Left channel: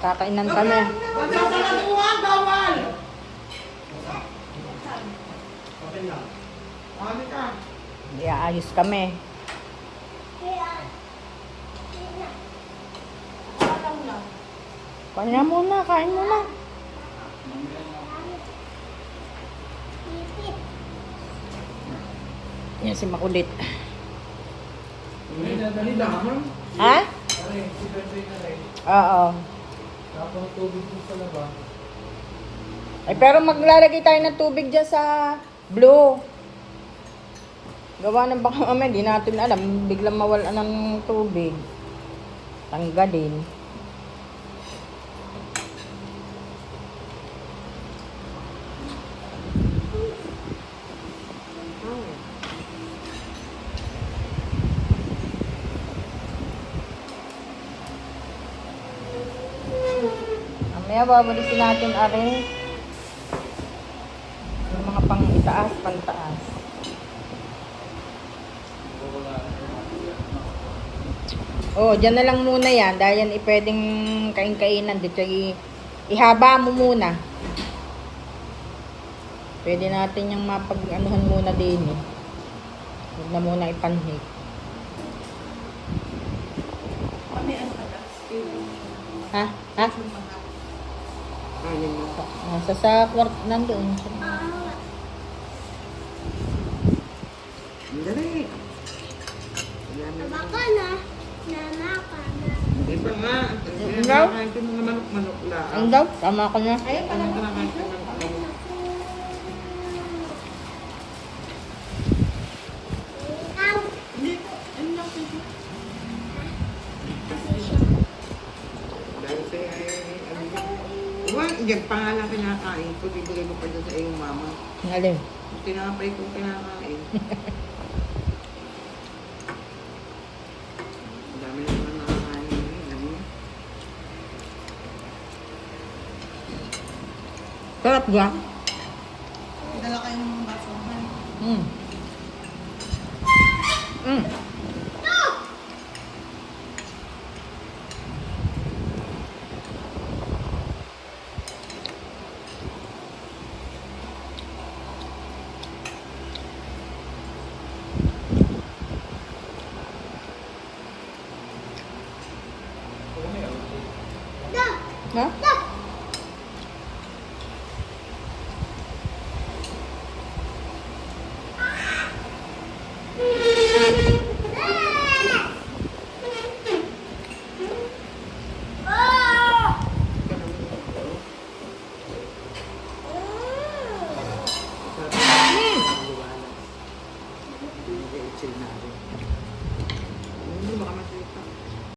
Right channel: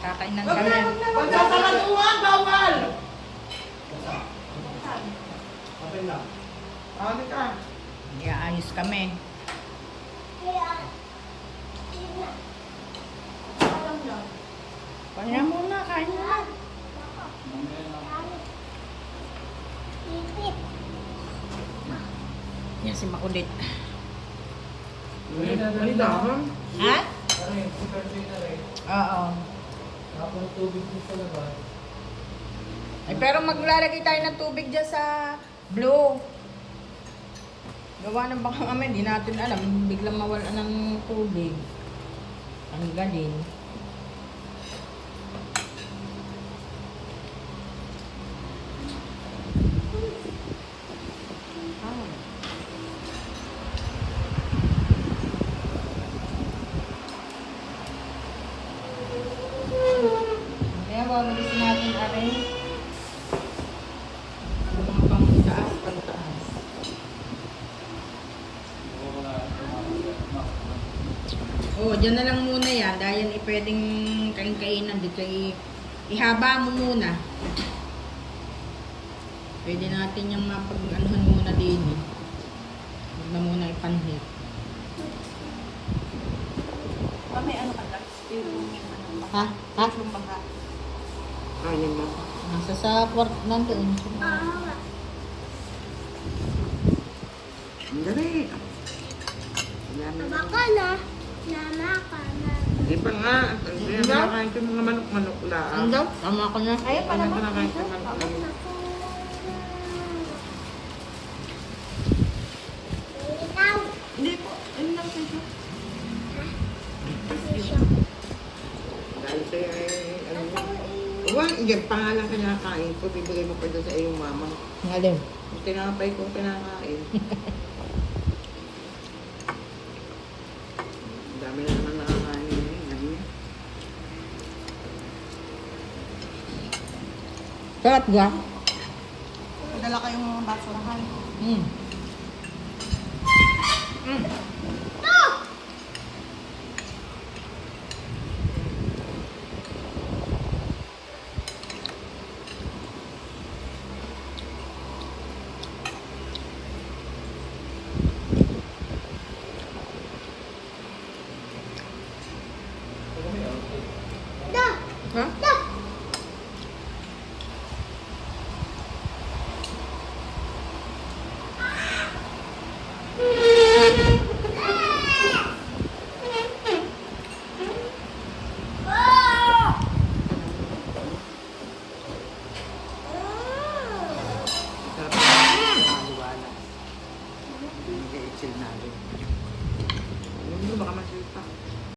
Kakainan kami. Pagkakalanuhan, bawal! Okay lang. Ano ka? Hindi aayos kami. Pahinga muna, kain muna. Yan si Makulit. Dali lang. Ha? Oo. Tapos tubig mo talaga. Eh, pero maglalagay tayo ng tubig dyan sa blue. Gawa ng baka mamaya, di natin alam. Biglang mawala ng tubig. Tanggalin. Mamaya babalisin natin arin. Yung mga pang itaas, pantaas. Oh, dyan na lang muna yan. Dahil yan pwedeng kain-kainan. Dito ihaba mo muna. Pwede natin yung mapag-anuhan muna din eh. Huwag na muna ipanhig. Mami, ano ka lang? Ha? Ha? Kanin mo. Nasa sa kwart nandoon. Dali. Baka na. Nana ka na. Di ba nga? Hindi. Kinakain ko mga manok-manok lang. Hanggang, tama ka na. Ayun pala. Kinakain ko manok-manok. Ikaw. Hindi po. Ayun lang siya. Dahil siya ay ano yun. Huwag, yan pangalan kinakain ko. Bibigay mo pa doon sa iyong mama. Ngalim. Yung tinapay kong kinakain. Ang dami na naman nakakain yun. Ano yun? Sarap ga? Dala kayong mga basurahan. Mm. Mm. Da. Ha? Da. Sarap na liwanag. Hindi, i-chill natin. Ano, baka masita.